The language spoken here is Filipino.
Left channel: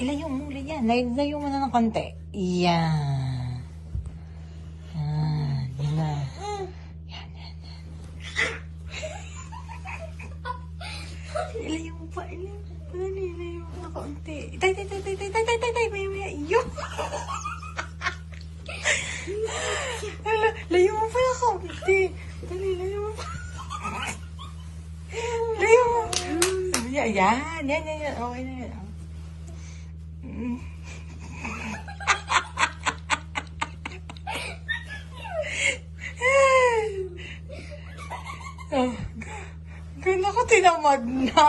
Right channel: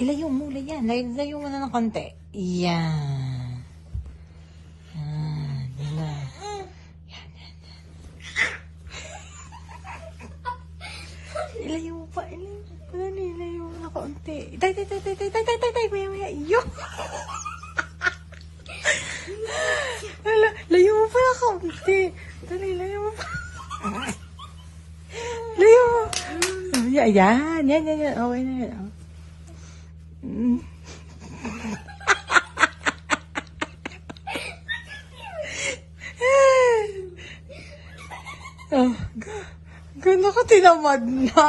Ilayo mo, yan. Ilayo mo na ng konti. Yan. Yan na. Yan. Ilayo mo pa. Ilayo mo na konti. Tay. Maya. Yung. Layo mo pa konti. Layo mo pa. Layo mo. Yan. Okay na yan. Gano'n ka tinamad na.